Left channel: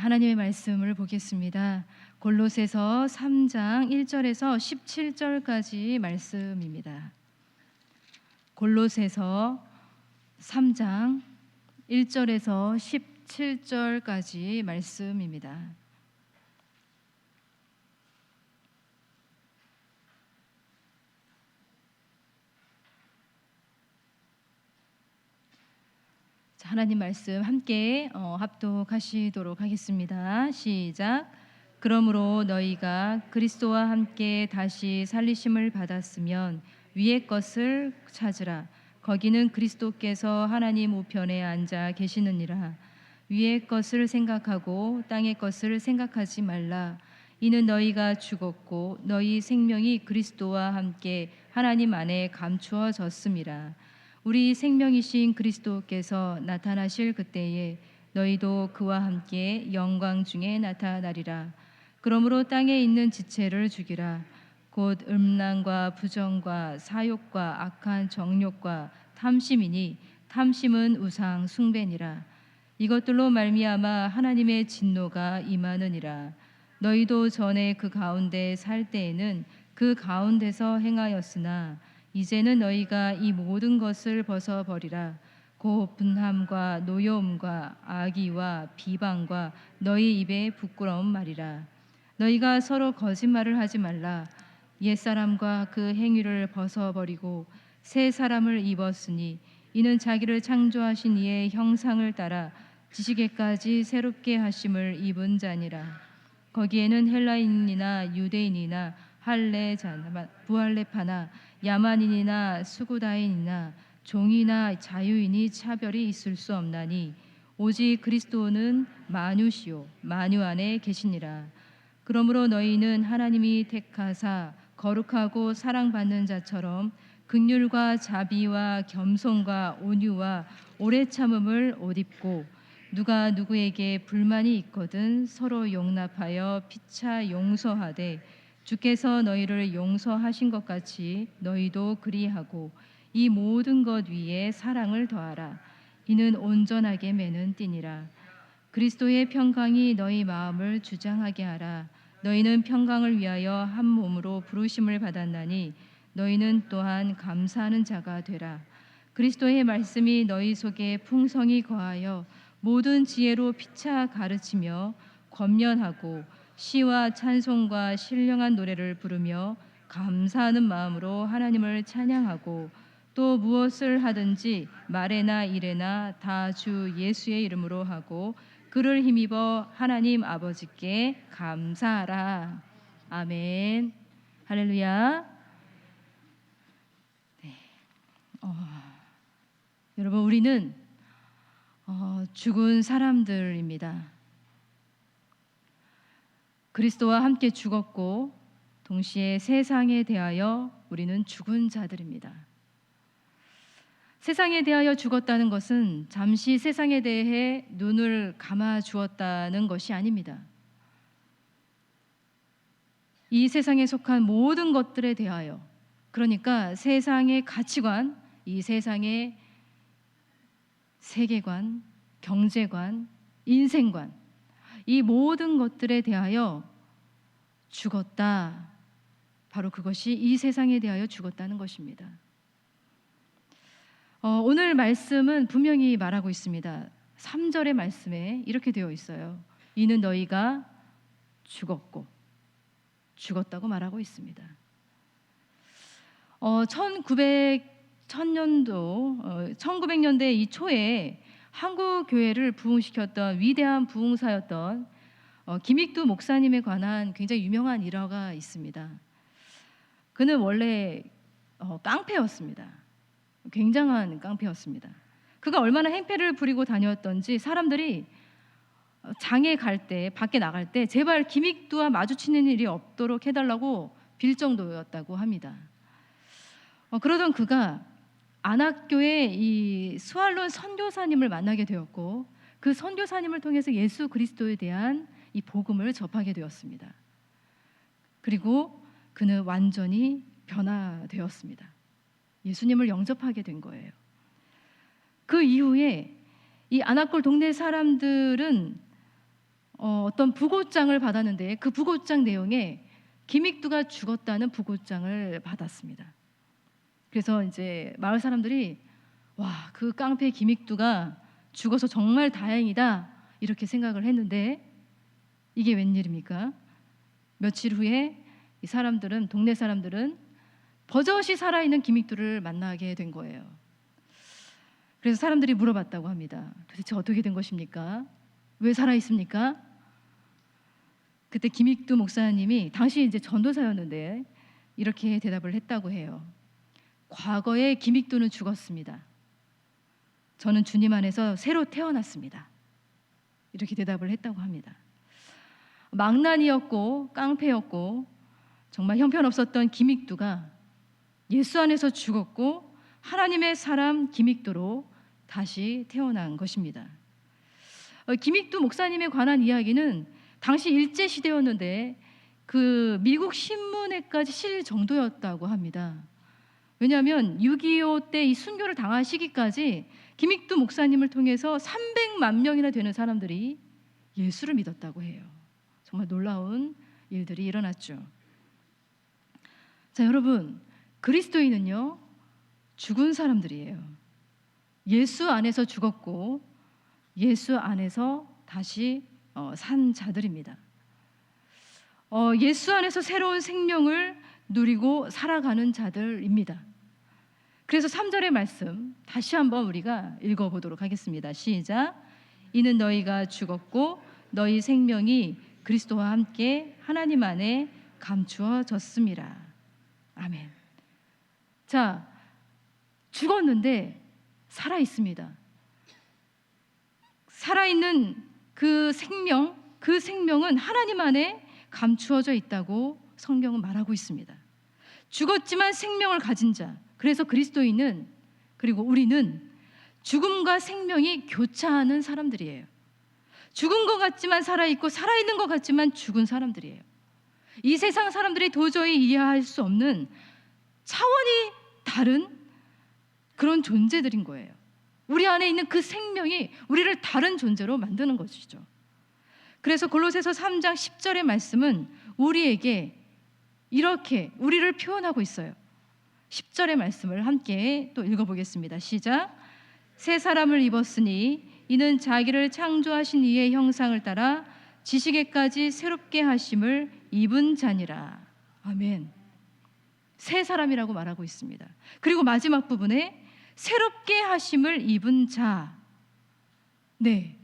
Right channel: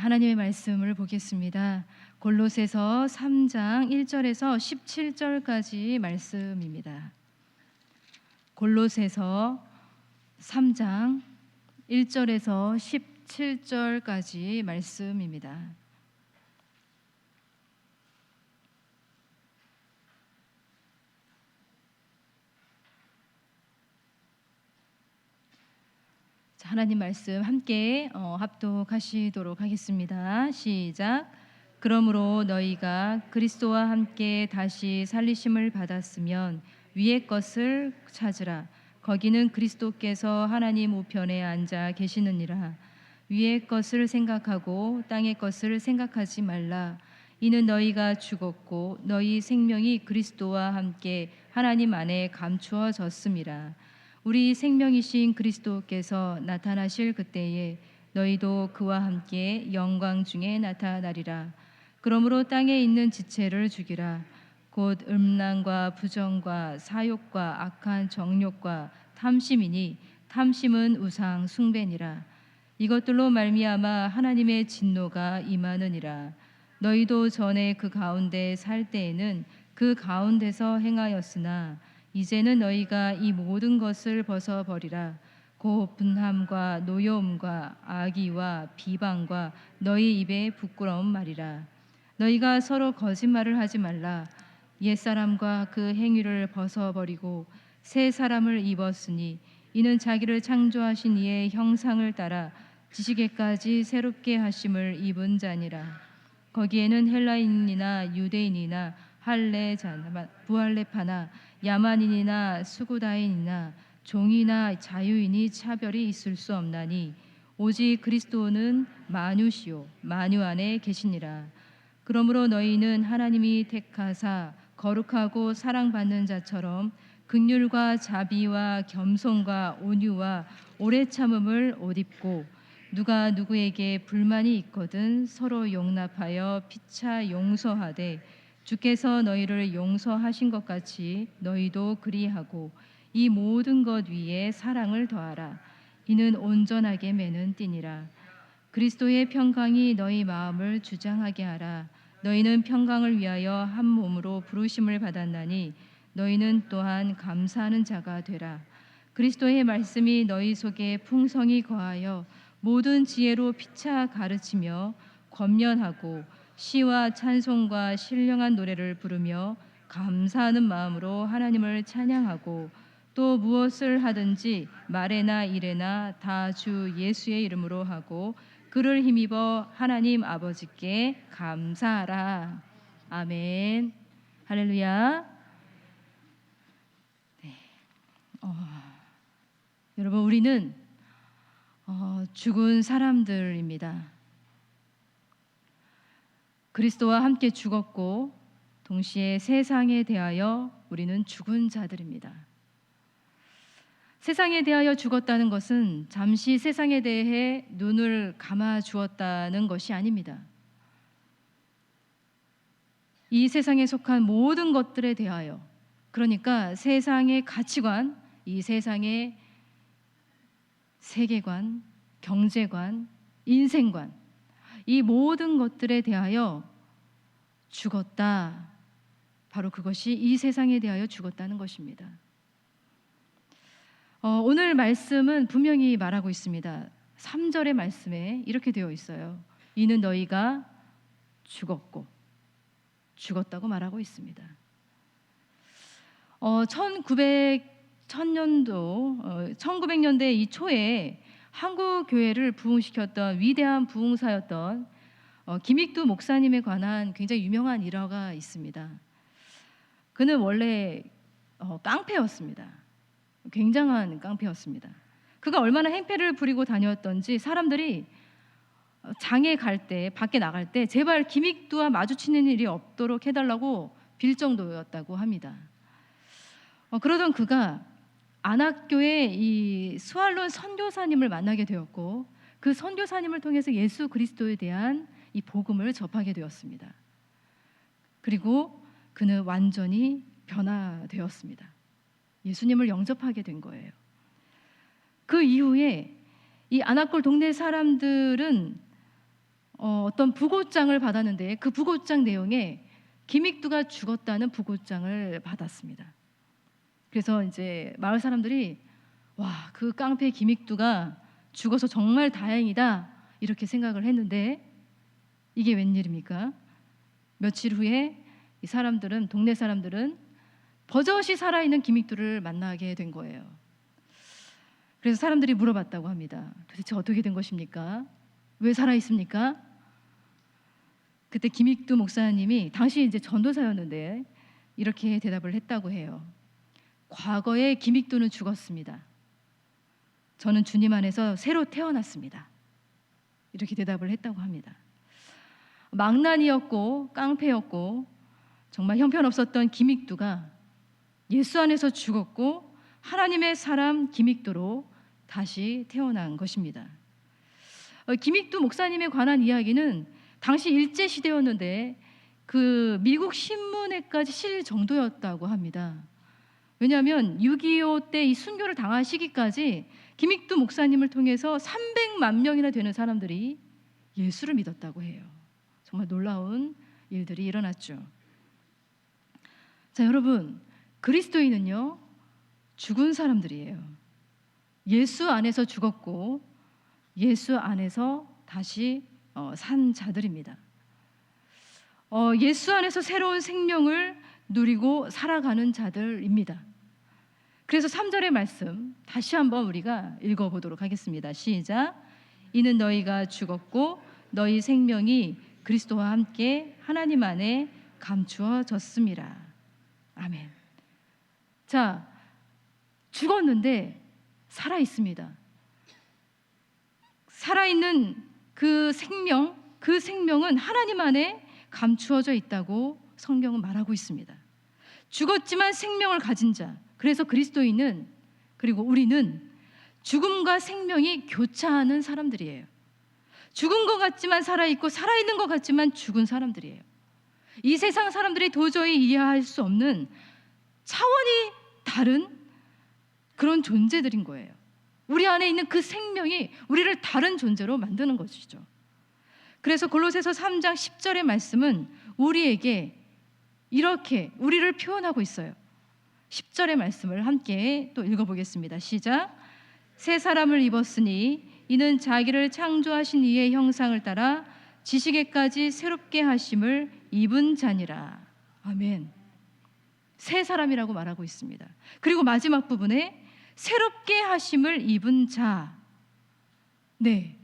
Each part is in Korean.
하나님의 말씀을 보겠습니다. 골로새서 3장 1절에서 17절까지 말씀입니다. 골로새서 3장 1절에서 17절까지 말씀입니다. 하나님 말씀 함께 합독하시도록 하겠습니다. 시작. 그러므로 너희가 그리스도와 함께 다시 살리심을 받았으면 위의 것을 찾으라. 거기는 그리스도께서 하나님 우편에 앉아 계시느니라. 위의 것을 생각하고 땅의 것을 생각하지 말라. 이는 너희가 죽었고 너희 생명이 그리스도와 함께 하나님 안에 감추어졌음이라. 우리 생명이신 그리스도께서 나타나실 그때에 너희도 그와 함께 영광 중에 나타나리라. 그러므로 땅에 있는 지체를 죽이라. 곧 음란과 부정과 사욕과 악한 정욕과 탐심이니 탐심은 우상 숭배니라. 이것들로 말미암아 하나님의 진노가 임하느니라. 너희도 전에 그 가운데 살 때에는 그 가운데서 행하였으나 이제는 너희가 이 모든 것을 벗어버리라. 곧 분함과 노여움과 악의와 비방과 너희 입에 부끄러운 말이라. 너희가 서로 거짓말을 하지 말라. 옛사람과 그 행위를 벗어버리고 새 사람을 입었으니 이는 자기를 창조하신 이의 형상을 따라 지식에까지 새롭게 하심을 입은 자니라. 거기에는 헬라인이나 유대인이나 할례자나 부할레파나 야만인이나 수구다인이나 종이나 자유인이 차별이 있을 수 없나니 오직 그리스도는 만유시요 만유 안에 계시니라. 그러므로 너희는 하나님이 택하사 거룩하고 사랑받는 자처럼 긍휼과 자비와 겸손과 온유와 오래 참음을 옷 입고 누가 누구에게 불만이 있거든 서로 용납하여 피차 용서하되 주께서 너희를 용서하신 것 같이 너희도 그리하고 이 모든 것 위에 사랑을 더하라. 이는 온전하게 매는 띠니라. 그리스도의 평강이 너희 마음을 주장하게 하라. 너희는 평강을 위하여 한 몸으로 부르심을 받았나니 너희는 또한 감사하는 자가 되라. 그리스도의 말씀이 너희 속에 풍성히 거하여 모든 지혜로 피차 가르치며 권면하고 시와 찬송과 신령한 노래를 부르며 감사하는 마음으로 하나님을 찬양하고 또 무엇을 하든지 말에나 일에나 다 주 예수의 이름으로 하고 그를 힘입어 하나님 아버지께 감사하라. 아멘. 할렐루야. 네. 여러분 우리는 죽은 사람들입니다. 그리스도와 함께 죽었고 동시에 세상에 대하여 우리는 죽은 자들입니다. 세상에 대하여 죽었다는 것은 잠시 세상에 대해 눈을 감아 주었다는 것이 아닙니다. 이 세상에 속한 모든 것들에 대하여, 그러니까 세상의 가치관, 이 세상의 세계관, 경제관, 인생관, 이 모든 것들에 대하여 죽었다. 바로 그것이 이 세상에 대하여 죽었다는 것입니다. 오늘 말씀은 분명히 말하고 있습니다. 3절의 말씀에 이렇게 되어 있어요. 이는 너희가 죽었고 죽었다고 말하고 있습니다. 1900년대 이 초에 한국 교회를 부흥시켰던 위대한 부흥사였던 김익두 목사님에 관한 굉장히 유명한 일화가 있습니다. 그는 원래 깡패였습니다. 굉장한 깡패였습니다. 그가 얼마나 행패를 부리고 다녔던지 사람들이 장에 갈 때, 밖에 나갈 때 제발 김익두와 마주치는 일이 없도록 해달라고 빌 정도였다고 합니다. 그러던 그가 안학교의 이 스왈론 선교사님을 만나게 되었고 그 선교사님을 통해서 예수 그리스도에 대한 이 복음을 접하게 되었습니다. 그리고 그는 완전히 변화되었습니다. 예수님을 영접하게 된 거예요. 그 이후에 이 안악골 동네 사람들은 어떤 부고장을 받았는데 그 부고장 내용에 김익두가 죽었다는 부고장을 받았습니다. 그래서 이제 마을 사람들이 와, 그 깡패 김익두가 죽어서 정말 다행이다 이렇게 생각을 했는데 이게 웬일입니까? 며칠 후에 이 사람들은, 동네 사람들은 버젓이 살아있는 김익두를 만나게 된 거예요. 그래서 사람들이 물어봤다고 합니다. 도대체 어떻게 된 것입니까? 왜 살아있습니까? 그때 김익두 목사님이 당시 이제 전도사였는데 이렇게 대답을 했다고 해요. 과거에 김익두는 죽었습니다. 저는 주님 안에서 새로 태어났습니다. 이렇게 대답을 했다고 합니다. 망난이었고 깡패였고 정말 형편없었던 김익두가 예수 안에서 죽었고 하나님의 사람 김익두로 다시 태어난 것입니다. 김익두 목사님에 관한 이야기는 당시 일제시대였는데 그 미국 신문에까지 실릴 정도였다고 합니다. 왜냐하면 6.25 때 이 순교를 당한 시기까지 김익두 목사님을 통해서 300만 명이나 되는 사람들이 예수를 믿었다고 해요. 정말 놀라운 일들이 일어났죠. 자, 여러분, 그리스도인은요 죽은 사람들이에요. 예수 안에서 죽었고 예수 안에서 다시 산 자들입니다. 예수 안에서 새로운 생명을 누리고 살아가는 자들입니다. 그래서 3절의 말씀 다시 한번 우리가 읽어보도록 하겠습니다. 시작. 이는 너희가 죽었고 너희 생명이 그리스도와 함께 하나님 안에 감추어졌음이라. 아멘. 자, 죽었는데 살아 있습니다. 살아있는 그 생명은 하나님 안에 감추어져 있다고 성경은 말하고 있습니다. 죽었지만 생명을 가진 자, 그래서 그리스도인은, 그리고 우리는 죽음과 생명이 교차하는 사람들이에요. 죽은 것 같지만 살아있고 살아있는 것 같지만 죽은 사람들이에요. 이 세상 사람들이 도저히 이해할 수 없는 차원이 다른 그런 존재들인 거예요. 우리 안에 있는 그 생명이 우리를 다른 존재로 만드는 것이죠. 그래서 골로새서 3장 10절의 말씀은 우리에게 이렇게 우리를 표현하고 있어요. 10절의 말씀을 함께 또 읽어보겠습니다. 시작. 새 사람을 입었으니 이는 자기를 창조하신 이의 형상을 따라 지식에까지 새롭게 하심을 입은 자니라. 아멘. 새 사람이라고 말하고 있습니다. 그리고 마지막 부분에 새롭게 하심을 입은 자. 네,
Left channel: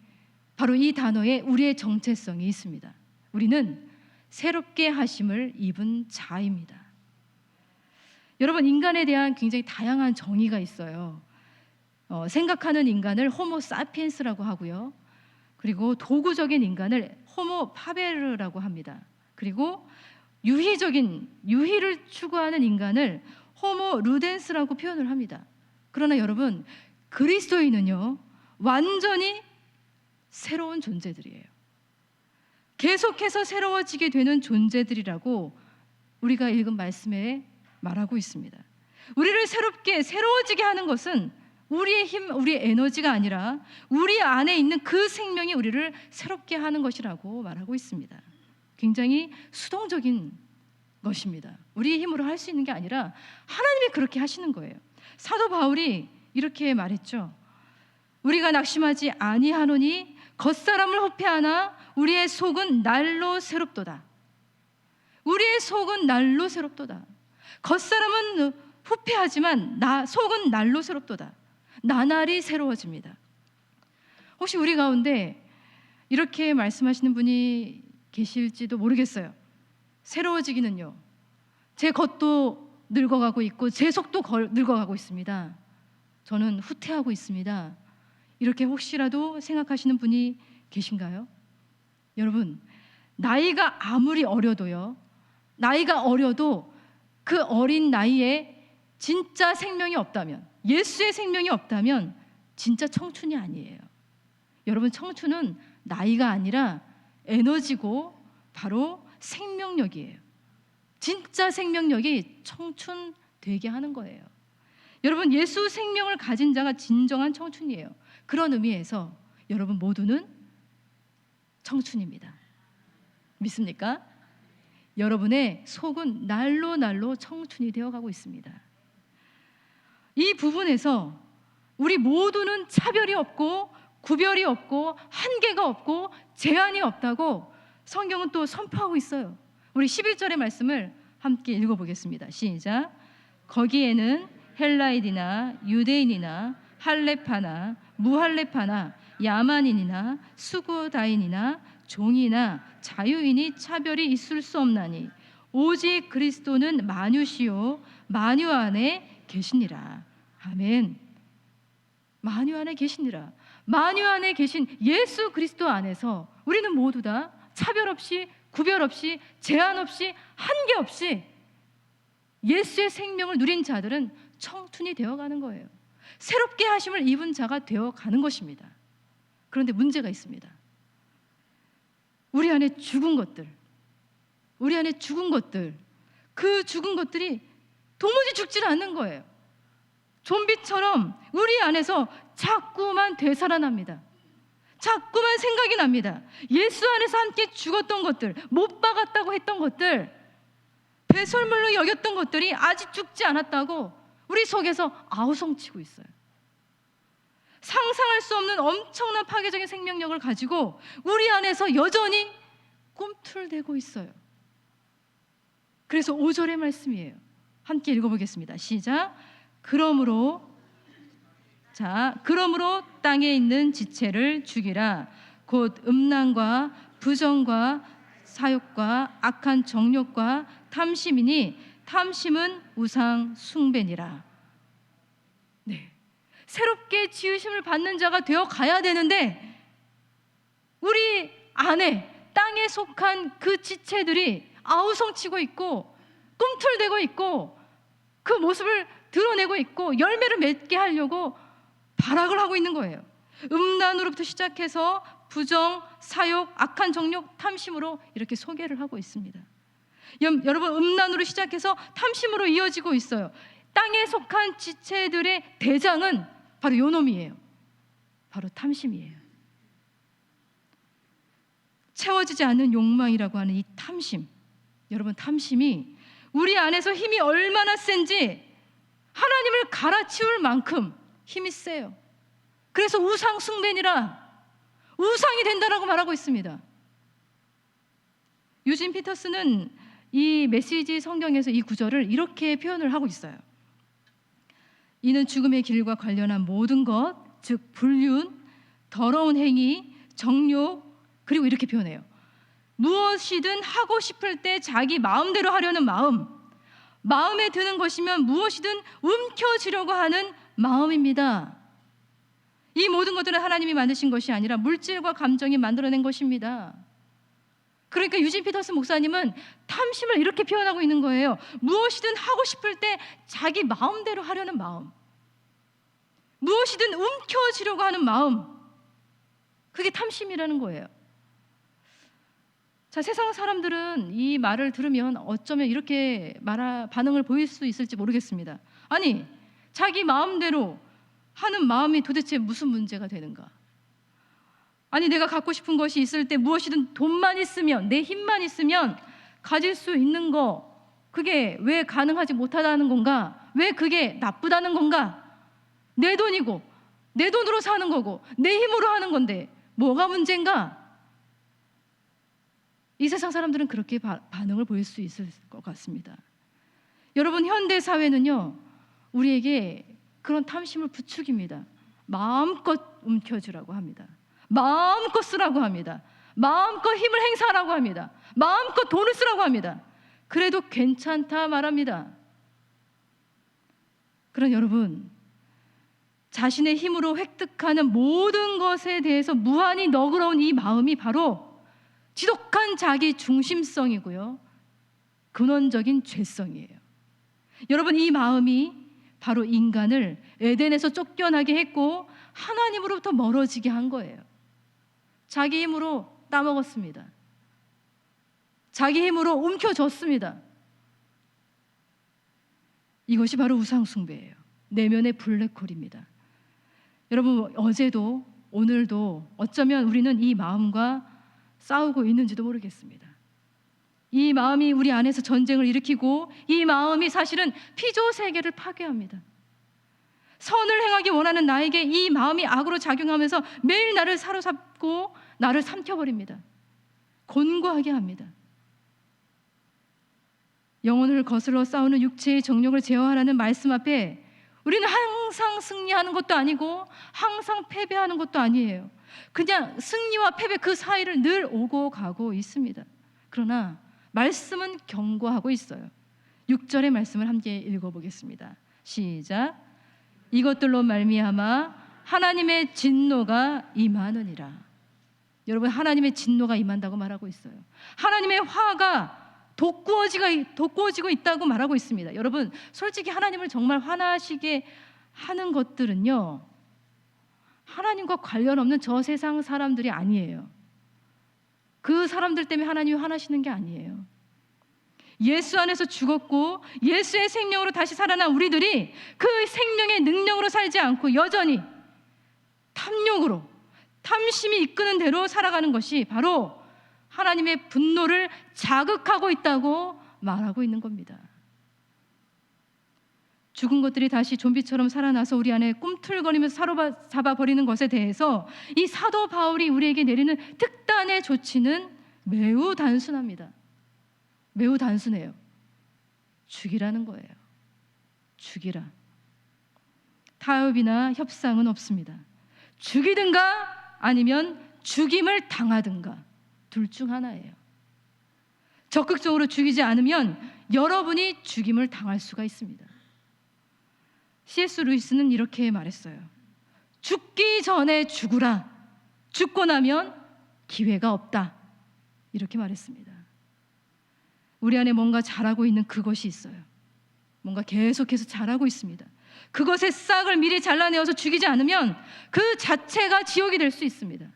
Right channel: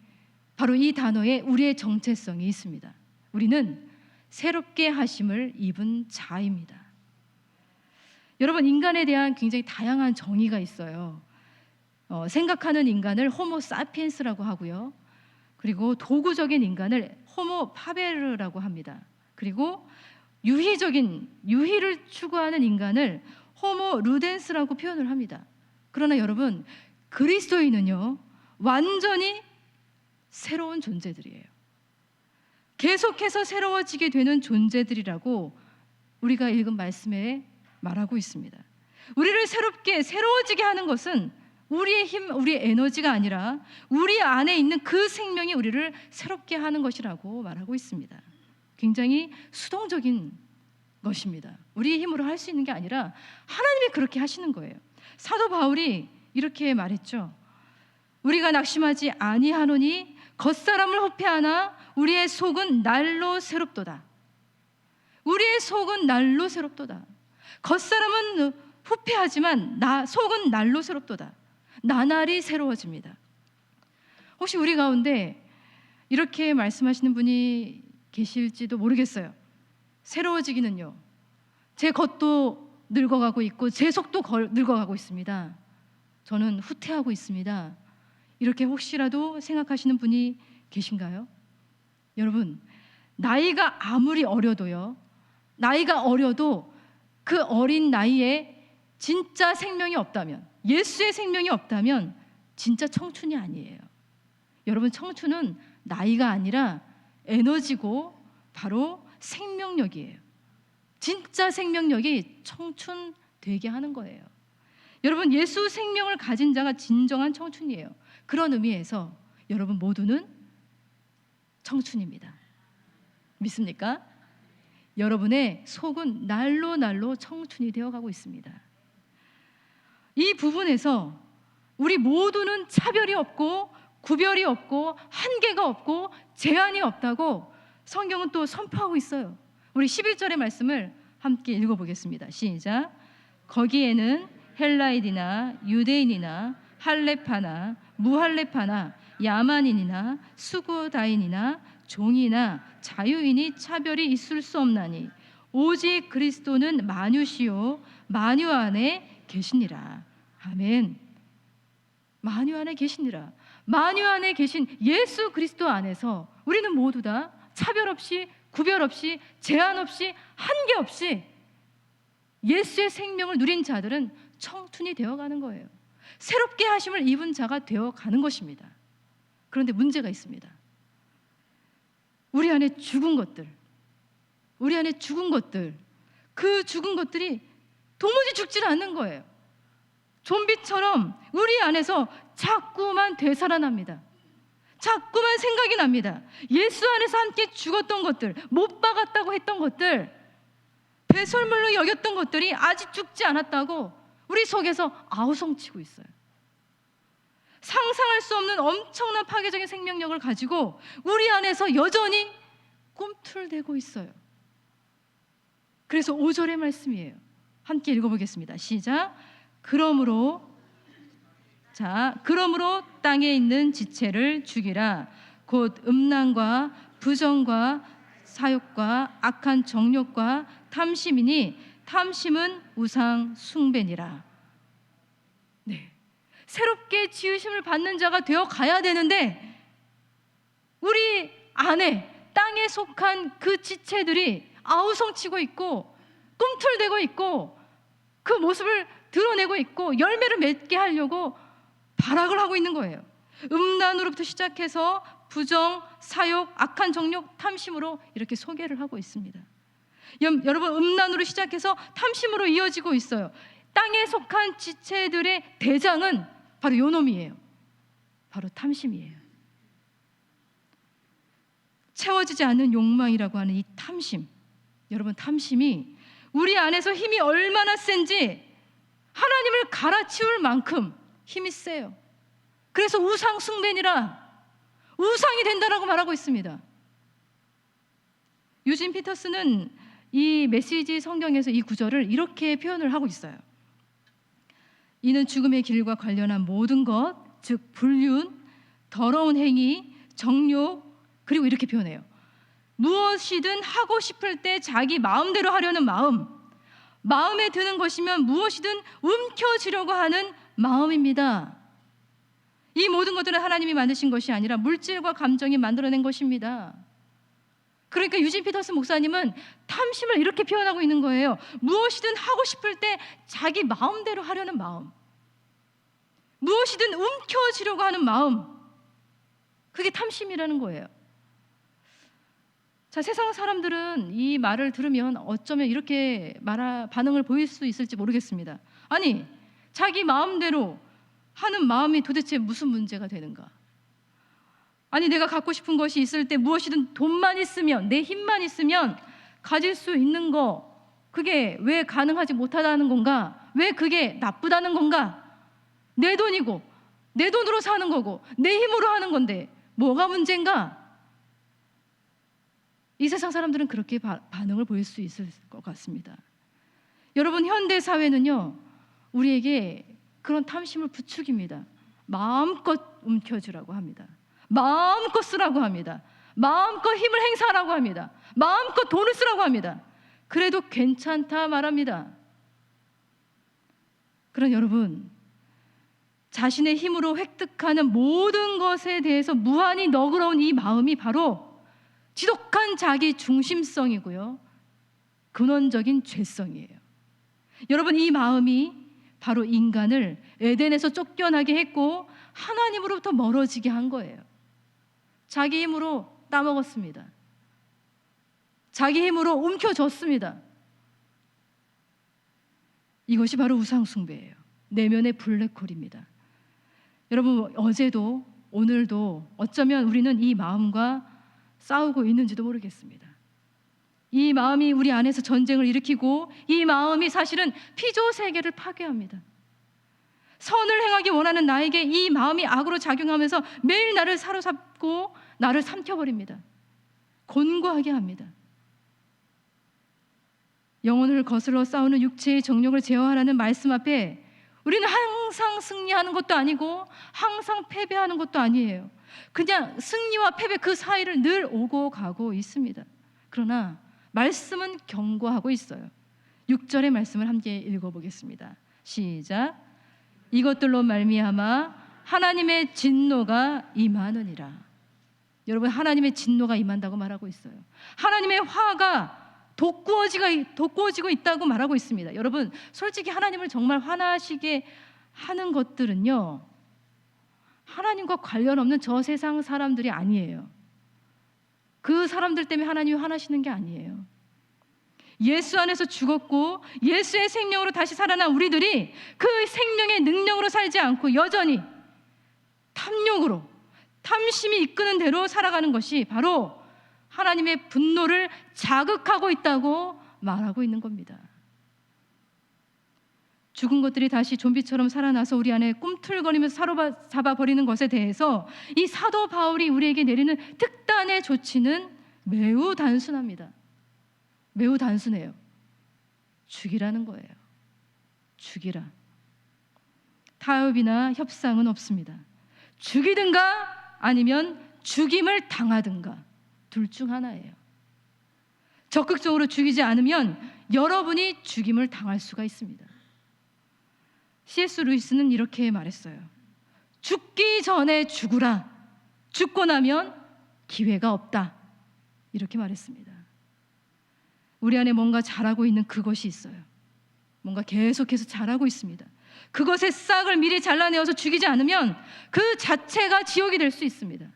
바로 이 단어에 우리의 정체성이 있습니다. 우리는 새롭게 하심을 입은 자입니다. 여러분, 인간에 대한 굉장히 다양한 정의가 있어요. 생각하는 인간을 호모 사피엔스라고 하고요. 그리고 도구적인 인간을 호모 파베르라고 합니다. 그리고 유희를 추구하는 인간을 호모 루덴스라고 표현을 합니다. 그러나 여러분, 그리스도인은요 완전히 새로운 존재들이에요. 계속해서 새로워지게 되는 존재들이라고 우리가 읽은 말씀에 말하고 있습니다. 우리를 새로워지게 하는 것은 우리의 힘, 우리의 에너지가 아니라 우리 안에 있는 그 생명이 우리를 새롭게 하는 것이라고 말하고 있습니다. 굉장히 수동적인 것입니다. 우리의 힘으로 할 수 있는 게 아니라 하나님이 그렇게 하시는 거예요. 사도 바울이 이렇게 말했죠. 우리가 낙심하지 아니하노니 겉사람을 호폐하나 우리의 속은 날로 새롭도다. 우리의 속은 날로 새롭도다. 겉사람은 후패하지만 속은 날로 새롭도다. 나날이 새로워집니다. 혹시 우리 가운데 이렇게 말씀하시는 분이 계실지도 모르겠어요. 새로워지기는요, 제 겉도 늙어가고 있고 제 속도 늙어가고 있습니다. 저는 후퇴하고 있습니다. 이렇게 혹시라도 생각하시는 분이 계신가요? 여러분, 나이가 아무리 어려도요, 나이가 어려도 그 어린 나이에 진짜 생명이 없다면, 예수의 생명이 없다면 진짜 청춘이 아니에요. 여러분, 청춘은 나이가 아니라 에너지고 바로 생명력이에요. 진짜 생명력이 청춘 되게 하는 거예요. 여러분, 예수 생명을 가진 자가 진정한 청춘이에요. 그런 의미에서 여러분 모두는 청춘입니다. 믿습니까? 여러분의 속은 날로 날로 청춘이 되어가고 있습니다. 이 부분에서 우리 모두는 차별이 없고 구별이 없고 한계가 없고 제한이 없다고 성경은 또 선포하고 있어요. 우리 11절의 말씀을 함께 읽어보겠습니다. 시작. 거기에는 헬라인이나 유대인이나 할레파나 무할레파나 야만인이나 수구다인이나 종이나 자유인이 차별이 있을 수 없나니 오직 그리스도는 만유시요 만유 안에 계시니라. 아멘. 만유 안에 계시니라. 만유 안에 계신 예수 그리스도 안에서 우리는 모두 다 차별 없이 구별 없이 제한 없이 한계 없이 예수의 생명을 누린 자들은 청춘이 되어가는 거예요. 새롭게 하심을 입은 자가 되어가는 것입니다. 그런데 문제가 있습니다. 우리 안에 죽은 것들, 그 죽은 것들이 도무지 죽질 않는 거예요. 좀비처럼 우리 안에서 자꾸만 되살아납니다. 자꾸만 생각이 납니다. 예수 안에서 함께 죽었던 것들, 못 박았다고 했던 것들, 배설물로 여겼던 것들이 아직 죽지 않았다고 우리 속에서 아우성치고 있어요. 상상할 수 없는 엄청난 파괴적인 생명력을 가지고 우리 안에서 여전히 꿈틀대고 있어요. 그래서 5절의 말씀이에요. 함께 읽어보겠습니다. 시작. 그러므로 땅에 있는 지체를 죽이라. 곧 음란과 부정과 사욕과 악한 정욕과 탐심이니 탐심은 우상 숭배니라. 네, 새롭게 지으심을 받는 자가 되어 가야 되는데 우리 안에 땅에 속한 그 지체들이 아우성치고 있고 꿈틀대고 있고 그 모습을 드러내고 있고 열매를 맺게 하려고 발악을 하고 있는 거예요. 음란으로부터 시작해서 부정, 사욕, 악한 정욕, 탐심으로 이렇게 소개를 하고 있습니다. 여러분, 음란으로 시작해서 탐심으로 이어지고 있어요. 땅에 속한 지체들의 대장은 바로 요놈이에요. 바로 탐심이에요. 채워지지 않는 욕망이라고 하는 이 탐심, 여러분, 탐심이 우리 안에서 힘이 얼마나 센지 하나님을 갈아치울 만큼 힘이 세요. 그래서 우상 숭배니라, 우상이 된다라고 말하고 있습니다. 유진 피터스는 이 메시지 성경에서 이 구절을 이렇게 표현을 하고 있어요. 이는 죽음의 길과 관련한 모든 것, 즉 불륜, 더러운 행위, 정욕, 그리고 이렇게 표현해요. 무엇이든 하고 싶을 때 자기 마음대로 하려는 마음, 마음에 드는 것이면 무엇이든 움켜쥐려고 하는 마음입니다. 이 모든 것들은 하나님이 만드신 것이 아니라 물질과 감정이 만들어낸 것입니다. 그러니까 유진 피터스 목사님은 탐심을 이렇게 표현하고 있는 거예요. 무엇이든 하고 싶을 때 자기 마음대로 하려는 마음, 무엇이든 움켜쥐려고 하는 마음, 그게 탐심이라는 거예요. 자, 세상 사람들은 이 말을 들으면 어쩌면 이렇게 반응을 보일 수 있을지 모르겠습니다. 아니, 자기 마음대로 하는 마음이 도대체 무슨 문제가 되는가? 아니, 내가 갖고 싶은 것이 있을 때 무엇이든 돈만 있으면, 내 힘만 있으면 가질 수 있는 거, 그게 왜 가능하지 못하다는 건가? 왜 그게 나쁘다는 건가? 내 돈이고 내 돈으로 사는 거고 내 힘으로 하는 건데 뭐가 문제인가? 이 세상 사람들은 그렇게 반응을 보일 수 있을 것 같습니다. 여러분, 현대 사회는요, 우리에게 그런 탐심을 부추깁니다. 마음껏 움켜쥐라고 합니다. 마음껏 쓰라고 합니다. 마음껏 힘을 행사하라고 합니다. 마음껏 돈을 쓰라고 합니다. 그래도 괜찮다 말합니다. 그런 여러분, 자신의 힘으로 획득하는 모든 것에 대해서 무한히 너그러운 이 마음이 바로 지독한 자기 중심성이고요, 근원적인 죄성이에요. 여러분, 이 마음이 바로 인간을 에덴에서 쫓겨나게 했고 하나님으로부터 멀어지게 한 거예요. 자기 힘으로 따먹었습니다. 자기 힘으로 움켜쥐었습니다. 이것이 바로 우상숭배예요. 내면의 블랙홀입니다. 여러분, 어제도 오늘도 어쩌면 우리는 이 마음과 싸우고 있는지도 모르겠습니다. 이 마음이 우리 안에서 전쟁을 일으키고 이 마음이 사실은 피조 세계를 파괴합니다. 선을 행하기 원하는 나에게 이 마음이 악으로 작용하면서 매일 나를 사로잡고 나를 삼켜버립니다. 곤고하게 합니다. 영혼을 거슬러 싸우는 육체의 정욕을 제어하라는 말씀 앞에 우리는 항상 승리하는 것도 아니고 항상 패배하는 것도 아니에요. 그냥 승리와 패배 그 사이를 늘 오고 가고 있습니다. 그러나 말씀은 경고하고 있어요. 6절의 말씀을 함께 읽어보겠습니다. 시작. 이것들로 말미암아 하나님의 진노가 임하느니라. 여러분, 하나님의 진노가 임한다고 말하고 있어요. 하나님의 화가 돋구어지고 있다고 말하고 있습니다. 여러분, 솔직히 하나님을 정말 화나시게 하는 것들은요, 하나님과 관련 없는 저 세상 사람들이 아니에요. 그 사람들 때문에 하나님이 화나시는 게 아니에요. 예수 안에서 죽었고 예수의 생명으로 다시 살아난 우리들이 그 생명의 능력으로 살지 않고 여전히 탐욕으로, 탐심이 이끄는 대로 살아가는 것이 바로 하나님의 분노를 자극하고 있다고 말하고 있는 겁니다. 죽은 것들이 다시 좀비처럼 살아나서 우리 안에 꿈틀거리면서 사로잡아버리는 것에 대해서 이 사도 바울이 우리에게 내리는 특단의 조치는 매우 단순합니다. 매우 단순해요. 죽이라는 거예요. 죽이라. 타협이나 협상은 없습니다. 죽이든가 아니면 죽임을 당하든가 둘 중 하나예요. 적극적으로 죽이지 않으면 여러분이 죽임을 당할 수가 있습니다. C.S. 루이스는 이렇게 말했어요. 죽기 전에 죽으라. 죽고 나면 기회가 없다. 이렇게 말했습니다. 우리 안에 뭔가 자라고 있는 그것이 있어요. 뭔가 계속해서 자라고 있습니다. 그것의 싹을 미리 잘라내어서 죽이지 않으면 그 자체가 지옥이 될 수 있습니다.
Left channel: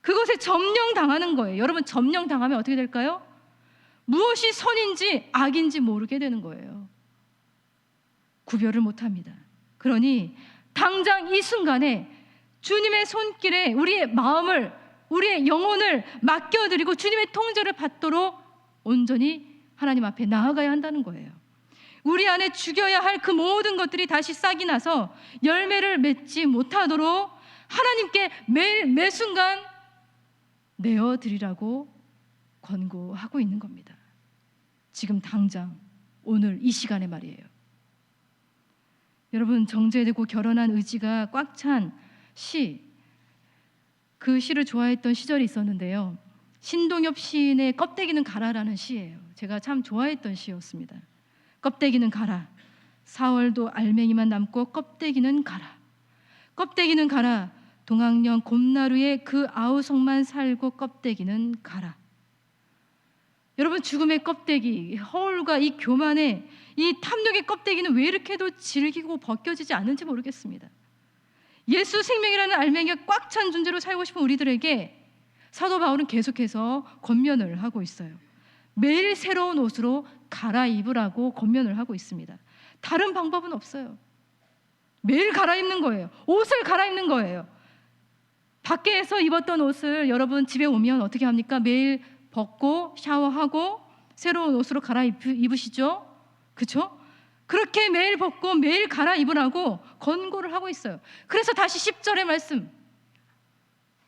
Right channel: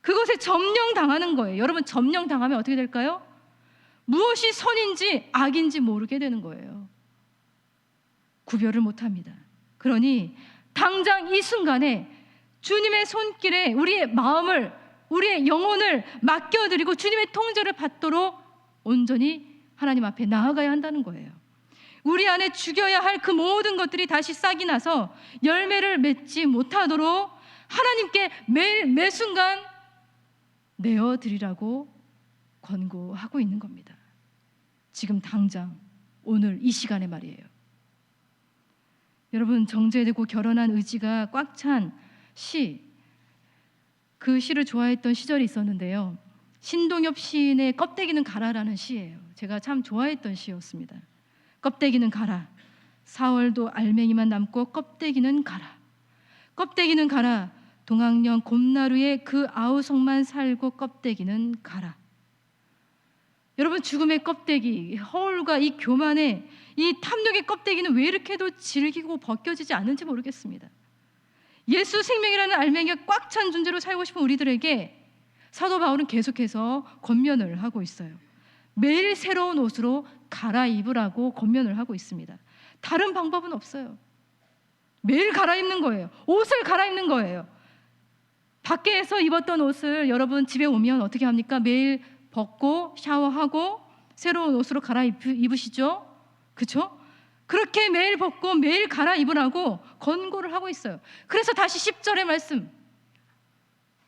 그것에 점령당하는 거예요. 여러분, 점령당하면 어떻게 될까요? 무엇이 선인지 악인지 모르게 되는 거예요. 구별을 못합니다. 그러니 당장 이 순간에 주님의 손길에 우리의 마음을, 우리의 영혼을 맡겨드리고 주님의 통제를 받도록 온전히 하나님 앞에 나아가야 한다는 거예요. 우리 안에 죽여야 할 그 모든 것들이 다시 싹이 나서 열매를 맺지 못하도록 하나님께 매일 매순간 내어드리라고 권고하고 있는 겁니다. 지금 당장 오늘 이 시간에 말이에요. 여러분, 정제되고 결연한 의지가 꽉 찬 시, 그 시를 좋아했던 시절이 있었는데요. 신동엽 시인의 껍데기는 가라라는 시예요. 제가 참 좋아했던 시였습니다. 껍데기는 가라. 4월도 알맹이만 남고 껍데기는 가라. 껍데기는 가라. 동학령 곰나루의 그 아우성만 살고 껍데기는 가라. 여러분, 죽음의 껍데기, 허울과 이 교만의 이 탐욕의 껍데기는 왜 이렇게도 질기고 벗겨지지 않는지 모르겠습니다. 예수 생명이라는 알맹이가 꽉 찬 존재로 살고 싶은 우리들에게 사도 바울은 계속해서 권면을 하고 있어요. 매일 새로운 옷으로 갈아입으라고 권면을 하고 있습니다. 다른 방법은 없어요. 매일 갈아입는 거예요. 옷을 갈아입는 거예요. 밖에서 입었던 옷을 여러분 집에 오면 어떻게 합니까? 매일 벗고 샤워하고 새로운 옷으로 갈아입으시죠? 그렇죠? 그렇게 매일 벗고 매일 갈아입으라고 권고를 하고 있어요. 그래서 다시 10절의 말씀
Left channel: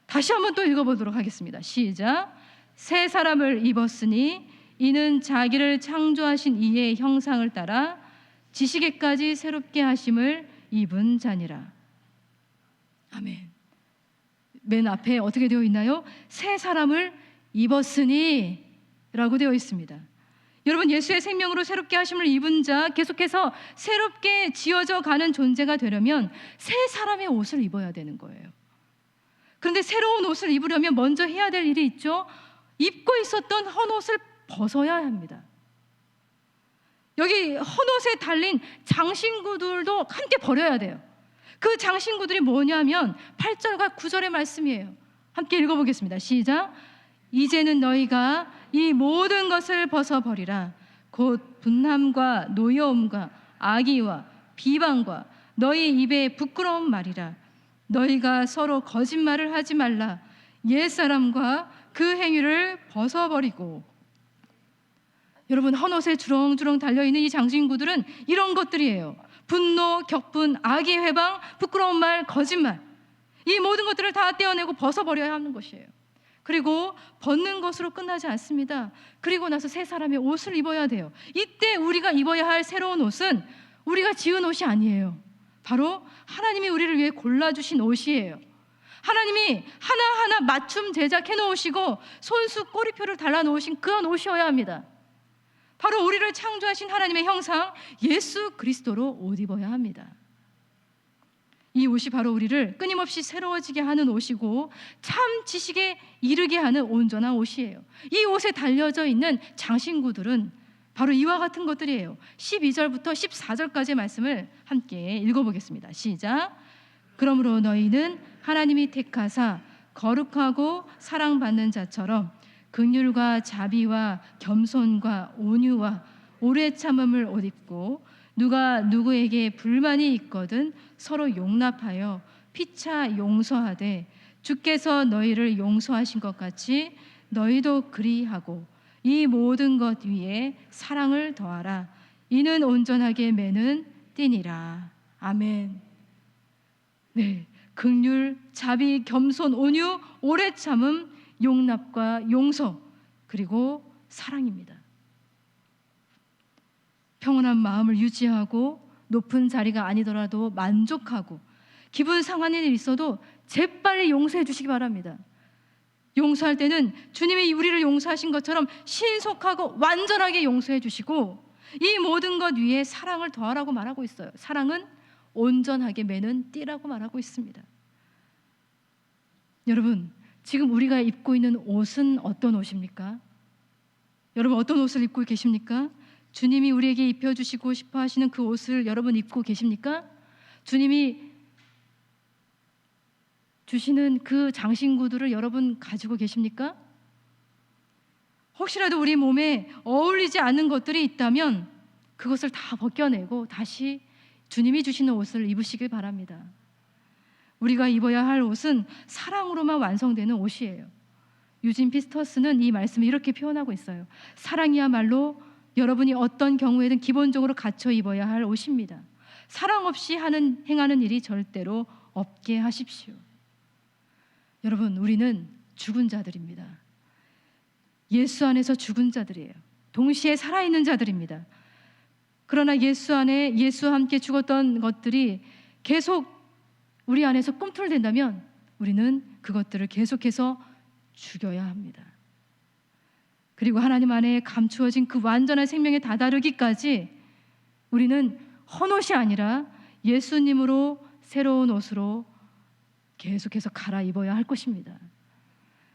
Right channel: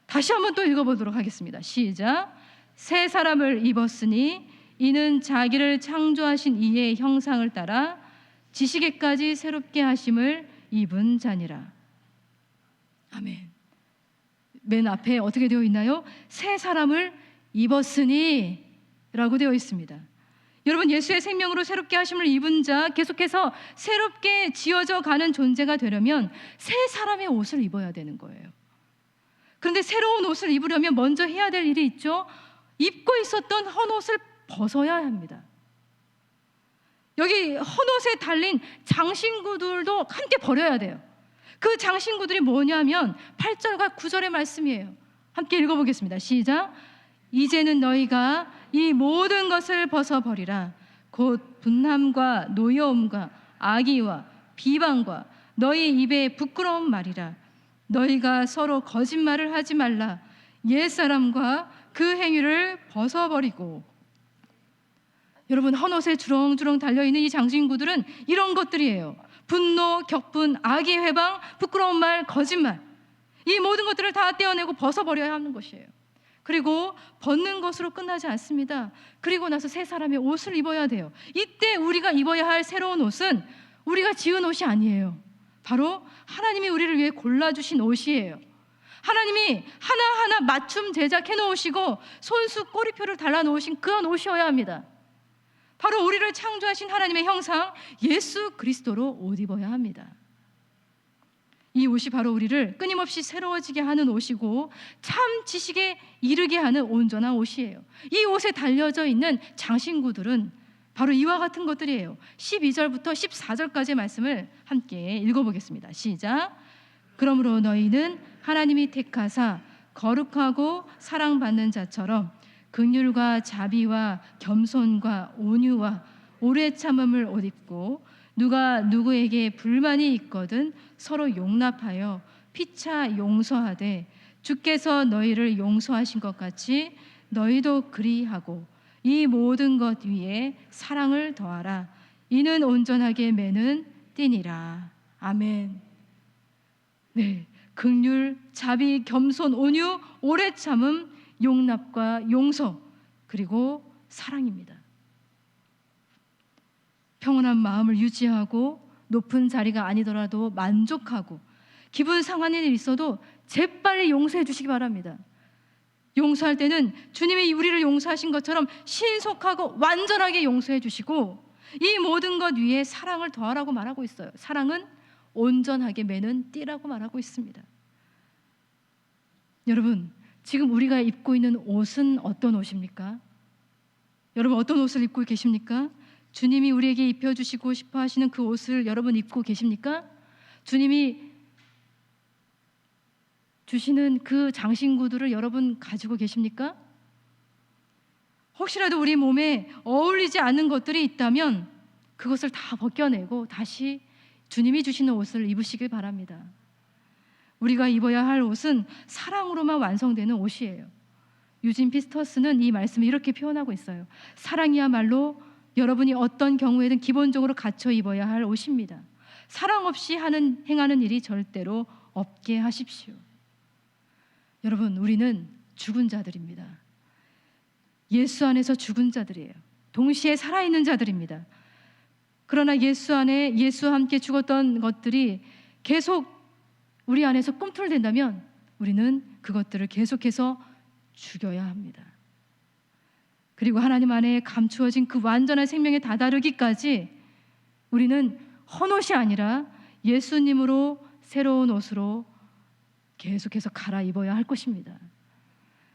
다시 한번 또 읽어보도록 하겠습니다. 시작. 새 사람을 입었으니 이는 자기를 창조하신 이의 형상을 따라 지식에까지 새롭게 하심을 입은 자니라. 아멘. 맨 앞에 어떻게 되어 있나요? 새 사람을 입었으니 라고 되어 있습니다. 여러분, 예수의 생명으로 새롭게 하심을 입은 자, 계속해서 새롭게 지어져 가는 존재가 되려면 새 사람의 옷을 입어야 되는 거예요. 그런데 새로운 옷을 입으려면 먼저 해야 될 일이 있죠. 입고 있었던 헌옷을 벗어야 합니다. 여기 헌옷에 달린 장신구들도 함께 버려야 돼요. 그 장신구들이 뭐냐면 8절과 9절의 말씀이에요. 함께 읽어보겠습니다. 시작. 이제는 너희가 이 모든 것을 벗어버리라. 곧 분함과 노여움과 악의와 비방과 너희 입에 부끄러운 말이라. 너희가 서로 거짓말을 하지 말라. 옛사람과 그 행위를 벗어버리고 여러분, 헌옷에 주렁주렁 달려있는 이 장신구들은 이런 것들이에요. 분노, 격분, 악의 회방, 부끄러운 말, 거짓말, 이 모든 것들을 다 떼어내고 벗어버려야 하는 것이에요. 그리고 벗는 것으로 끝나지 않습니다. 그리고 나서 새 사람의 옷을 입어야 돼요. 이때 우리가 입어야 할 새로운 옷은 우리가 지은 옷이 아니에요. 바로 하나님이 우리를 위해 골라주신 옷이에요. 하나님이 하나하나 맞춤 제작해 놓으시고 손수 꼬리표를 달라 놓으신 그런 옷이어야 합니다. 바로 우리를 창조하신 하나님의 형상 예수 그리스도로 옷 입어야 합니다. 이 옷이 바로 우리를 끊임없이 새로워지게 하는 옷이고 참 지식에 이르게 하는 온전한 옷이에요. 이 옷에 달려져 있는 장신구들은 바로 이와 같은 것들이에요. 12절부터 14절까지의 말씀을 함께 읽어보겠습니다. 시작. 그러므로 너희는 하나님이 택하사 거룩하고 사랑받는 자처럼 긍휼과 자비와 겸손과 온유와 오래 참음을 옷 입고 누가 누구에게 불만이 있거든 서로 용납하여 피차 용서하되 주께서 너희를 용서하신 것 같이 너희도 그리하고 이 모든 것 위에 사랑을 더하라. 이는 온전하게 매는 띠니라. 아멘. 네, 긍휼, 자비, 겸손, 온유, 오래 참음, 용납과 용서, 그리고 사랑입니다. 평온한 마음을 유지하고 높은 자리가 아니더라도 만족하고 기분 상한 일이 있어도 재빨리 용서해 주시기 바랍니다. 용서할 때는 주님이 우리를 용서하신 것처럼 신속하고 완전하게 용서해 주시고 이 모든 것 위에 사랑을 더하라고 말하고 있어요. 사랑은 온전하게 매는 띠라고 말하고 있습니다. 여러분, 지금 우리가 입고 있는 옷은 어떤 옷입니까? 여러분, 어떤 옷을 입고 계십니까? 주님이 우리에게 입혀주시고 싶어 하시는 그 옷을 여러분 입고 계십니까? 주님이 주시는 그 장신구들을 여러분 가지고 계십니까? 혹시라도 우리 몸에 어울리지 않는 것들이 있다면 그것을 다 벗겨내고 다시 주님이 주시는 옷을 입으시길 바랍니다. 우리가 입어야 할 옷은 사랑으로만 완성되는 옷이에요. 유진 피스터스는 이 말씀을 이렇게 표현하고 있어요. 사랑이야말로 여러분이 어떤 경우에든 기본적으로 갖춰 입어야 할 옷입니다. 사랑 없이 행하는 일이 절대로 없게 하십시오. 여러분, 우리는 죽은 자들입니다. 예수 안에서 죽은 자들이에요. 동시에 살아있는 자들입니다. 그러나 예수와 함께 죽었던 것들이 계속 우리 안에서 꿈틀댄다면 우리는 그것들을 계속해서 죽여야 합니다. 그리고 하나님 안에 감추어진 그 완전한 생명에 다다르기까지 우리는 헌옷이 아니라 예수님으로 새로운 옷으로 계속해서 갈아입어야 할 것입니다.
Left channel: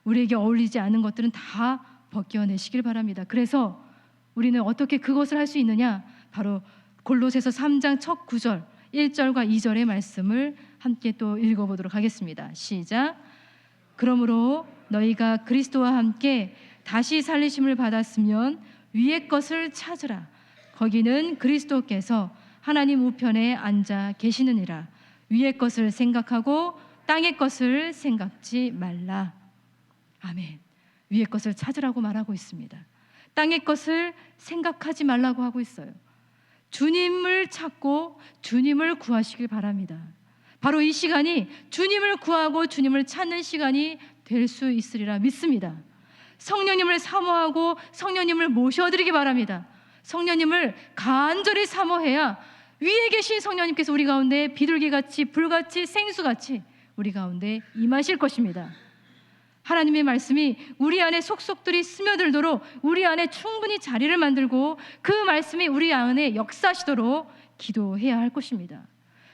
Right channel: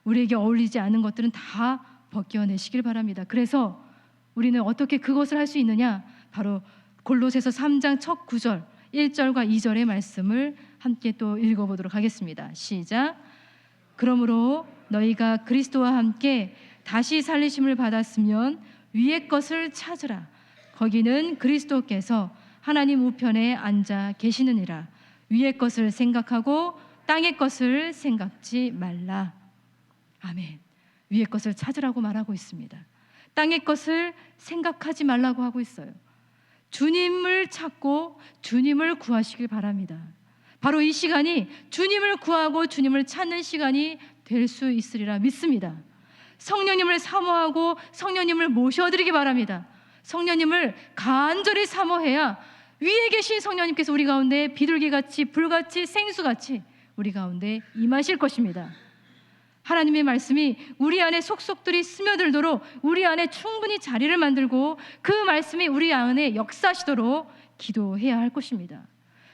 우리에게 어울리지 않는 것들은 다 벗겨내시길 바랍니다. 그래서 우리는 어떻게 그것을 할 수 있느냐? 바로 골로새서 3장 첫 9절 1절과 2절의 말씀을 함께 또 읽어보도록 하겠습니다. 시작. 그러므로 너희가 그리스도와 함께 다시 살리심을 받았으면 위의 것을 찾으라. 거기는 그리스도께서 하나님 우편에 앉아 계시느니라. 위의 것을 생각하고 땅의 것을 생각지 말라. 아멘. 위의 것을 찾으라고 말하고 있습니다. 땅의 것을 생각하지 말라고 하고 있어요. 주님을 찾고 주님을 구하시길 바랍니다. 바로 이 시간이 주님을 구하고 주님을 찾는 시간이 될 수 있으리라 믿습니다. 성령님을 사모하고 성령님을 모셔드리기 바랍니다. 성령님을 간절히 사모해야 위에 계신 성령님께서 우리 가운데 비둘기같이 불같이 생수같이 우리 가운데 임하실 것입니다. 하나님의 말씀이 우리 안에 속속들이 스며들도록 우리 안에 충분히 자리를 만들고 그 말씀이 우리 안에 역사하시도록 기도해야 할 것입니다.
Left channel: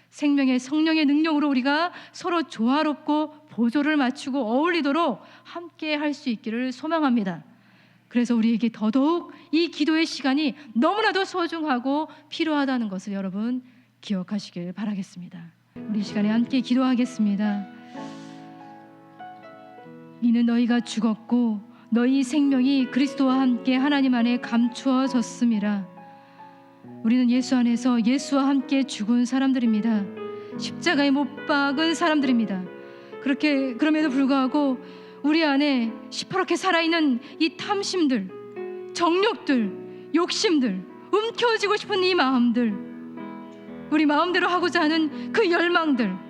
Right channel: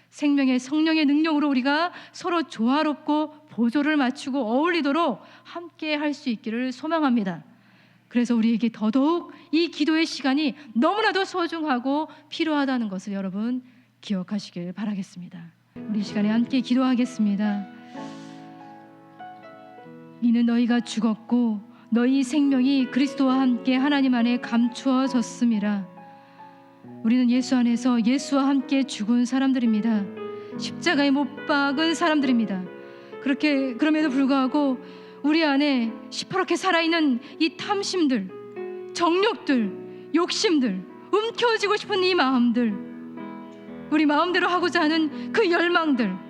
생명의 성령의 능력으로 우리가 서로 조화롭고 보조를 맞추고 어울리도록 함께 할 수 있기를 소망합니다. 그래서 우리에게 더더욱 이 기도의 시간이 너무나도 소중하고 필요하다는 것을 여러분 기억하시길 바라겠습니다. 우리 이 시간에 함께 기도하겠습니다. 이는 너희가 죽었고 너희 생명이 그리스도와 함께 하나님 안에 감추어졌음이라. 우리는 예수 안에서 예수와 함께 죽은 사람들입니다. 십자가에 못 박은 사람들입니다. 그럼에도 불구하고 우리 안에 시퍼렇게 살아있는 이 탐심들, 정욕들, 욕심들, 움켜쥐고 싶은 이 마음들, 우리 마음대로 하고자 하는 그 열망들,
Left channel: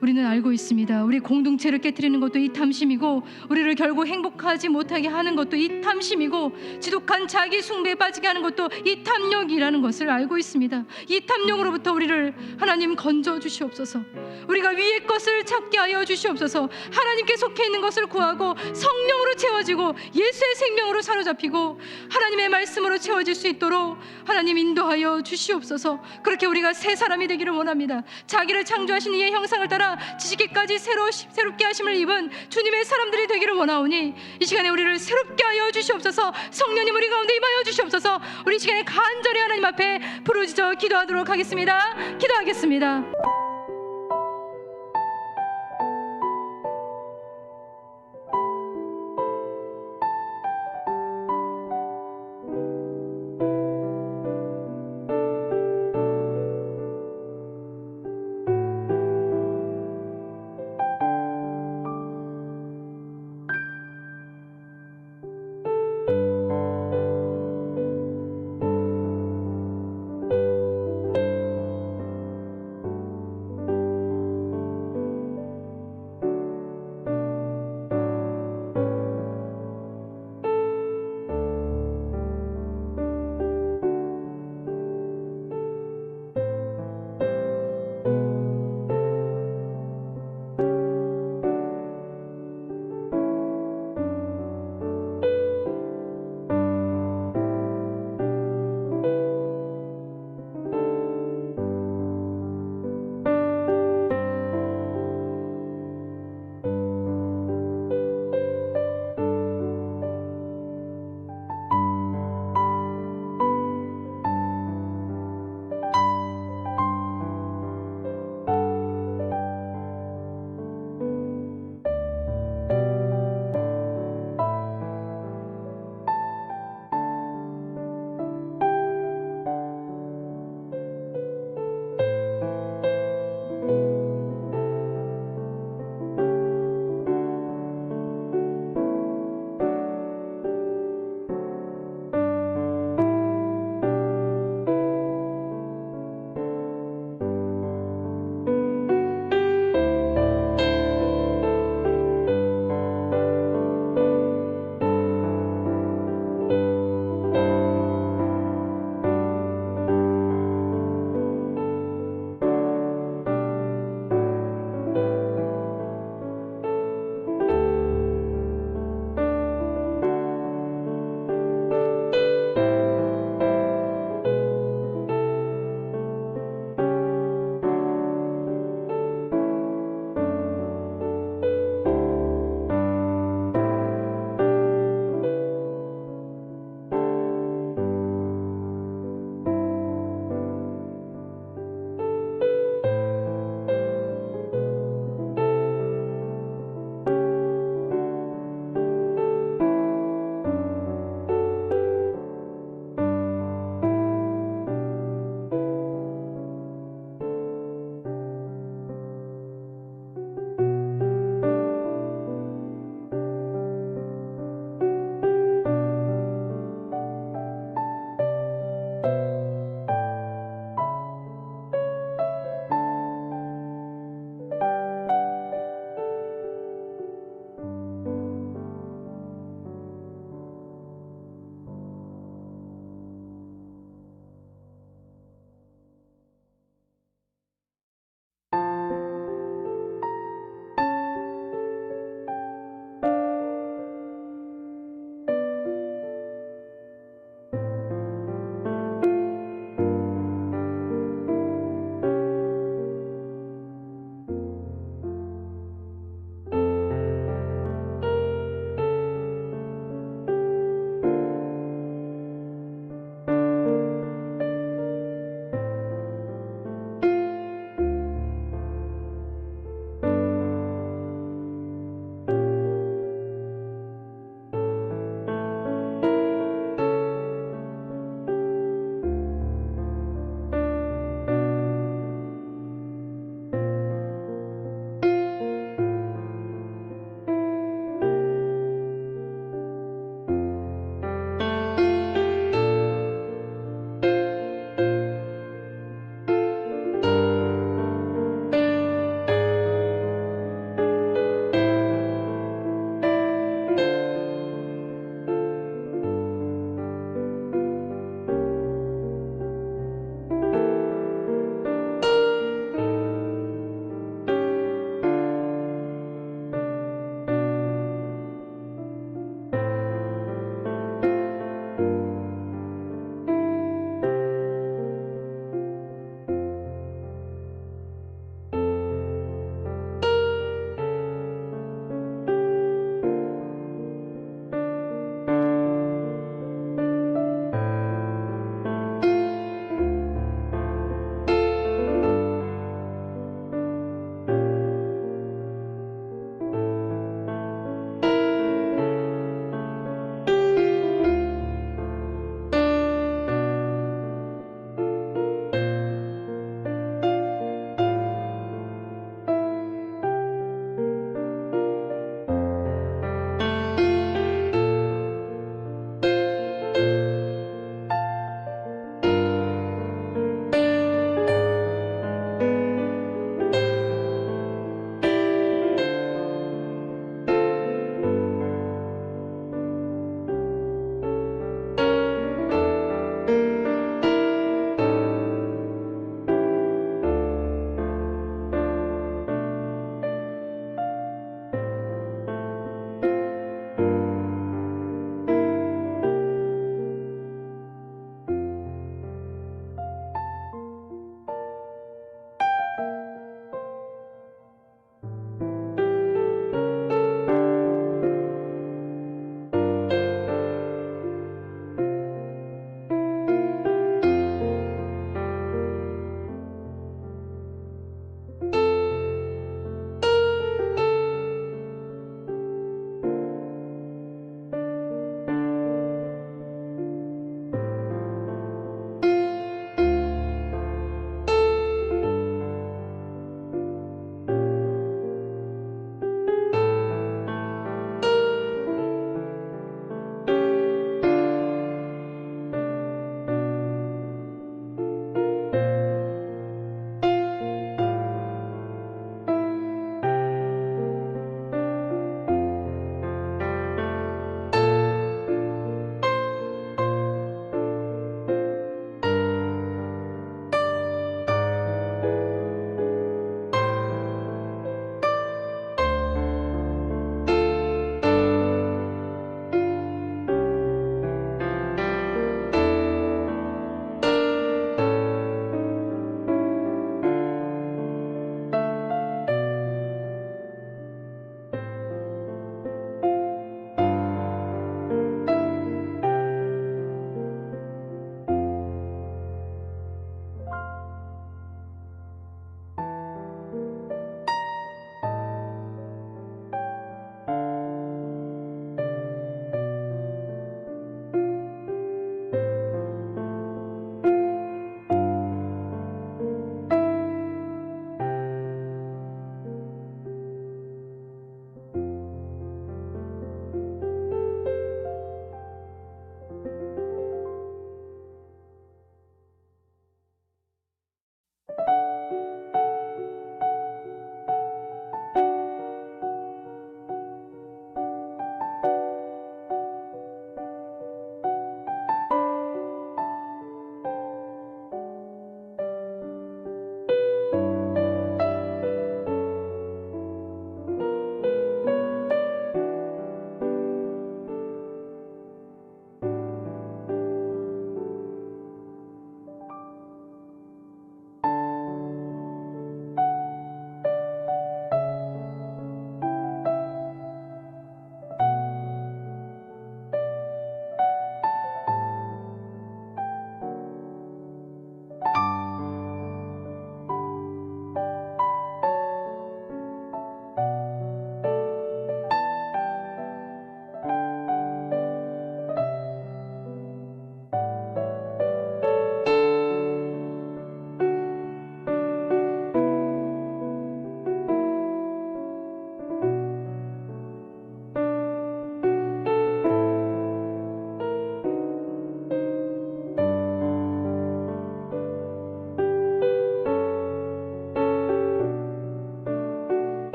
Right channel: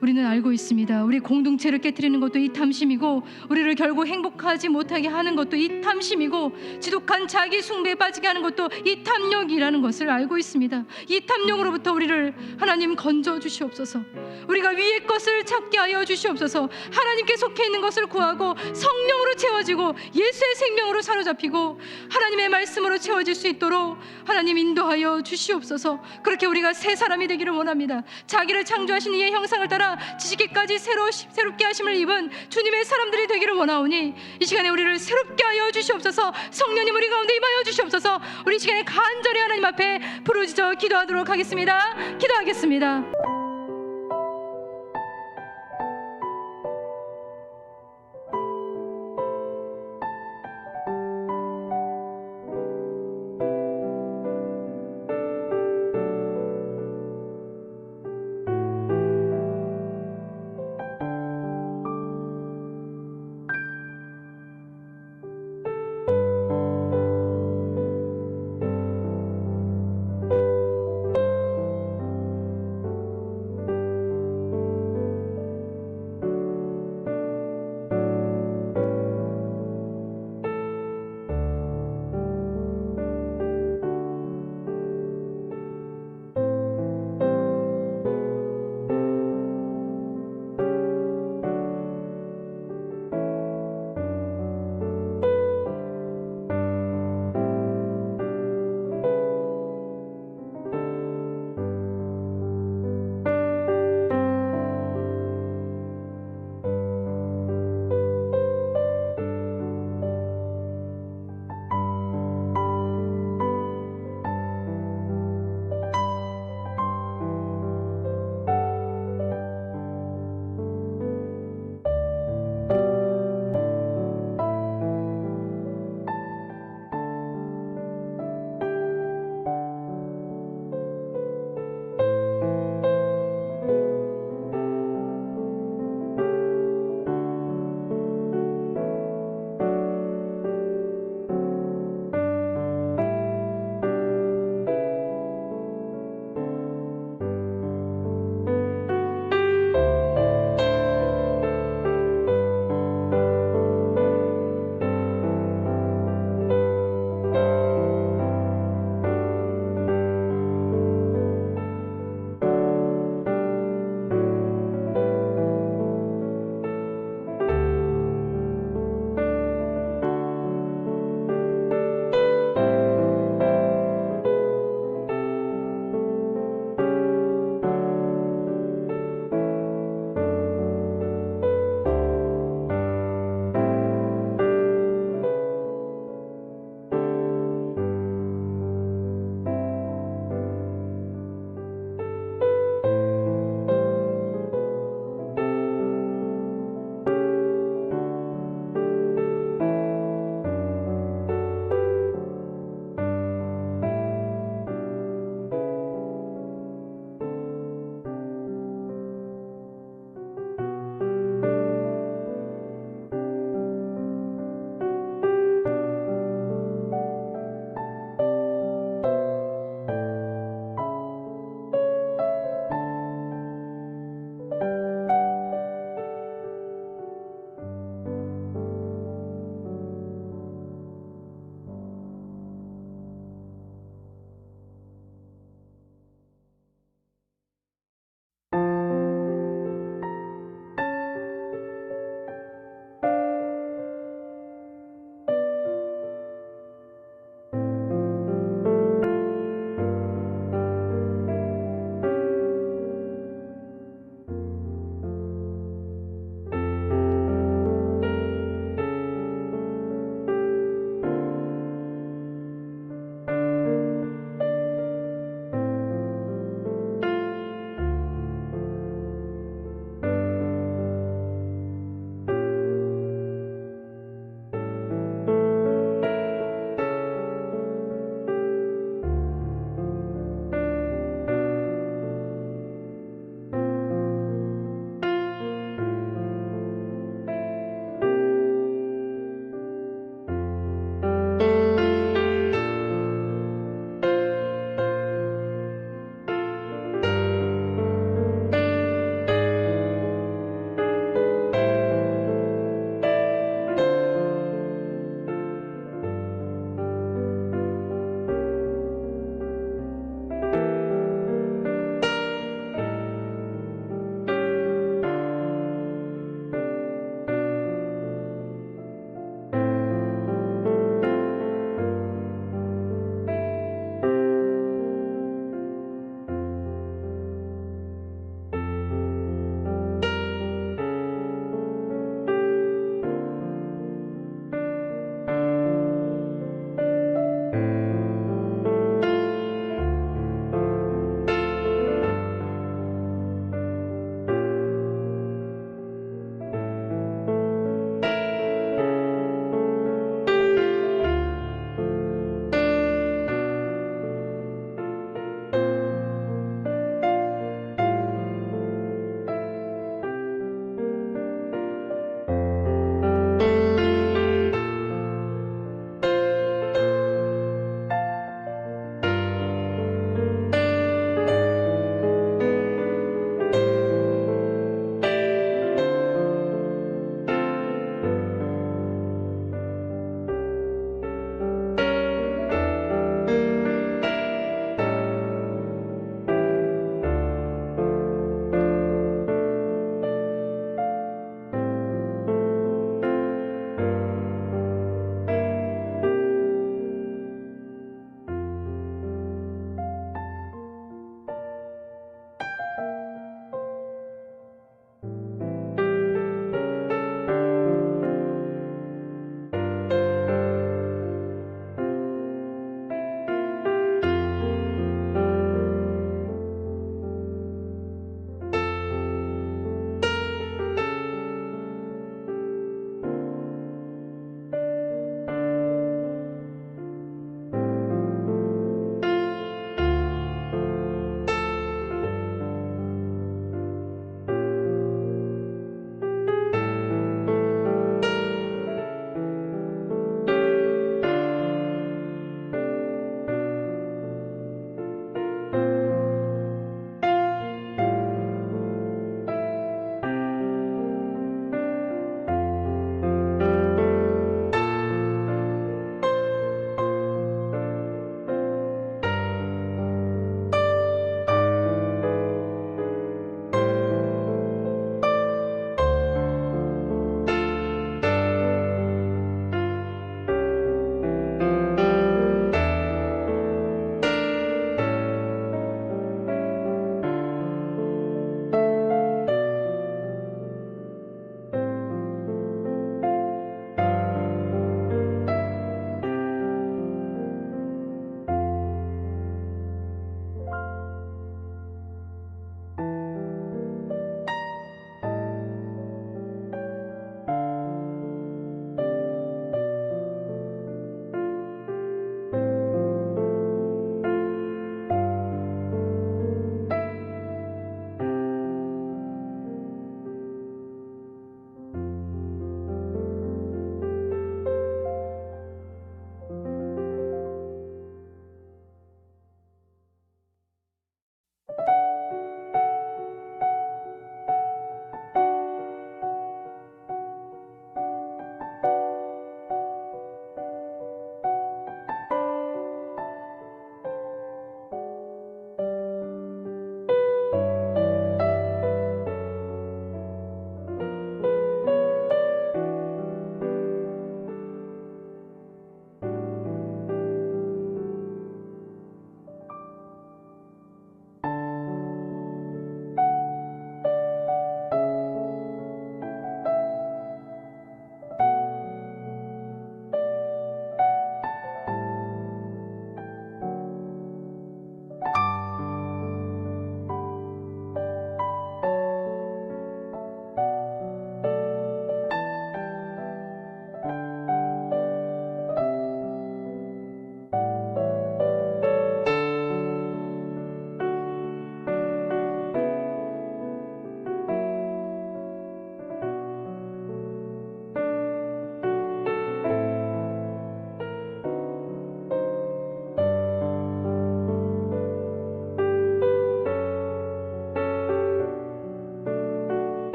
우리는 알고 있습니다. 우리 공동체를 깨트리는 것도 이 탐심이고, 우리를 결국 행복하지 못하게 하는 것도 이 탐심이고, 지독한 자기 숭배에 빠지게 하는 것도 이 탐욕이라는 것을 알고 있습니다. 이 탐욕으로부터 우리를 하나님 건져 주시옵소서. 우리가 위의 것을 찾게 하여 주시옵소서. 하나님께 속해 있는 것을 구하고 성령으로 채워지고 예수의 생명으로 사로잡히고 하나님의 말씀으로 채워질 수 있도록 하나님 인도하여 주시옵소서. 그렇게 우리가 새 사람이 되기를 원합니다. 자기를 창조하신 이의 형상을 따라 지식에까지 새롭게 하심을 입은 주님의 사람들이 되기를 원하오니, 이 시간에 우리를 새롭게 하여 주시옵소서. 성령님 우리 가운데 임하여 주시옵소서. 우리 시간에 간절히 하나님 앞에 부르짖어 기도하도록 하겠습니다. 기도하겠습니다.